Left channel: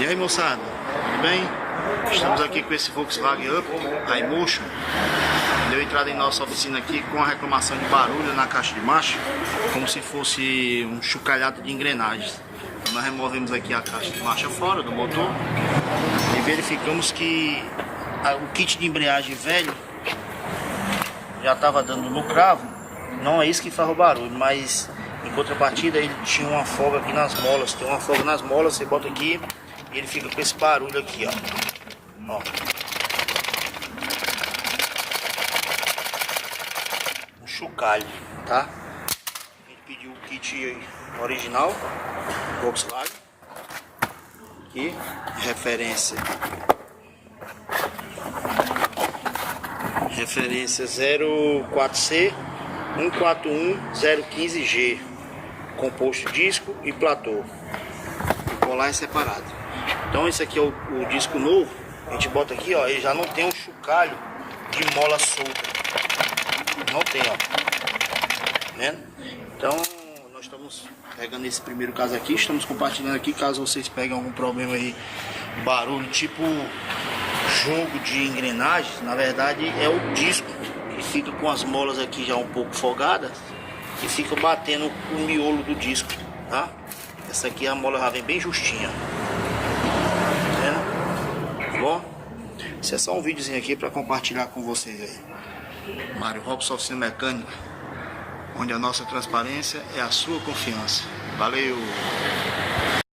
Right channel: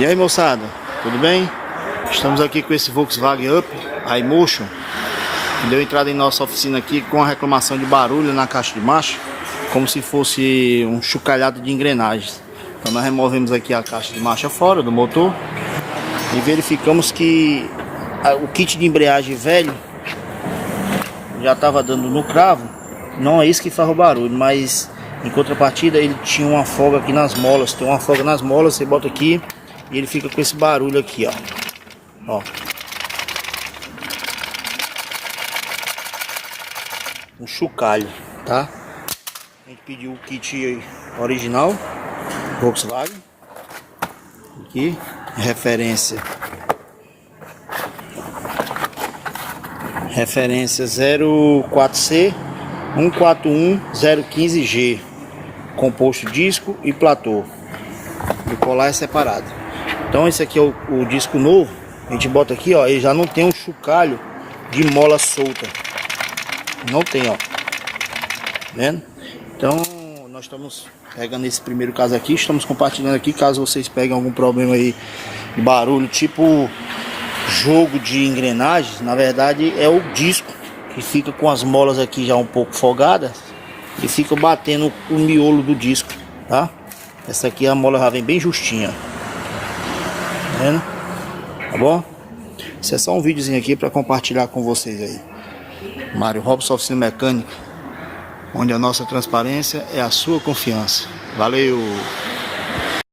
E aí, moçada, tudo bem? Estamos aqui com esse Volkswagen Up iMotion. Deu entrada em nossa oficina aqui com a reclamação de barulho na caixa de marcha, como se fosse um chocalhado de engrenagens. Então nós removemos aqui a caixa de marcha fora do motor e verificamos que o kit de embreagem velho já estava dando no cravo. Não é isso que faz o barulho, mas em contrapartida ele tinha uma folga aqui nas molas. Tem uma folga nas molas, você bota aqui e ele fica com esse barulho aqui, ó. Um chocalho, tá? A gente pediu o kit original Volkswagen. Aqui, referência 04C 141015G, composto disco e platô. O colar é separado. Então esse aqui é o disco novo. A gente bota aqui, ó, ele já não tem um chocalho de mola solta. Não tem, ó. Vendo? Então nós estamos pegando esse primeiro caso aqui, estamos compartilhando aqui, caso vocês peguem algum problema aí de barulho, tipo jogo de engrenagens. Na verdade é o disco que fica com as molas aqui já um pouco folgadas e fica batendo o miolo do disco, tá? Essa aqui a mola já vem bem justinha, tá vendo? Tá bom? Esse é só um videozinho aqui para compartilhar com vocês aí. Mário Robson, oficina mecânica, onde a nossa transparência é a sua confiança. Valeu!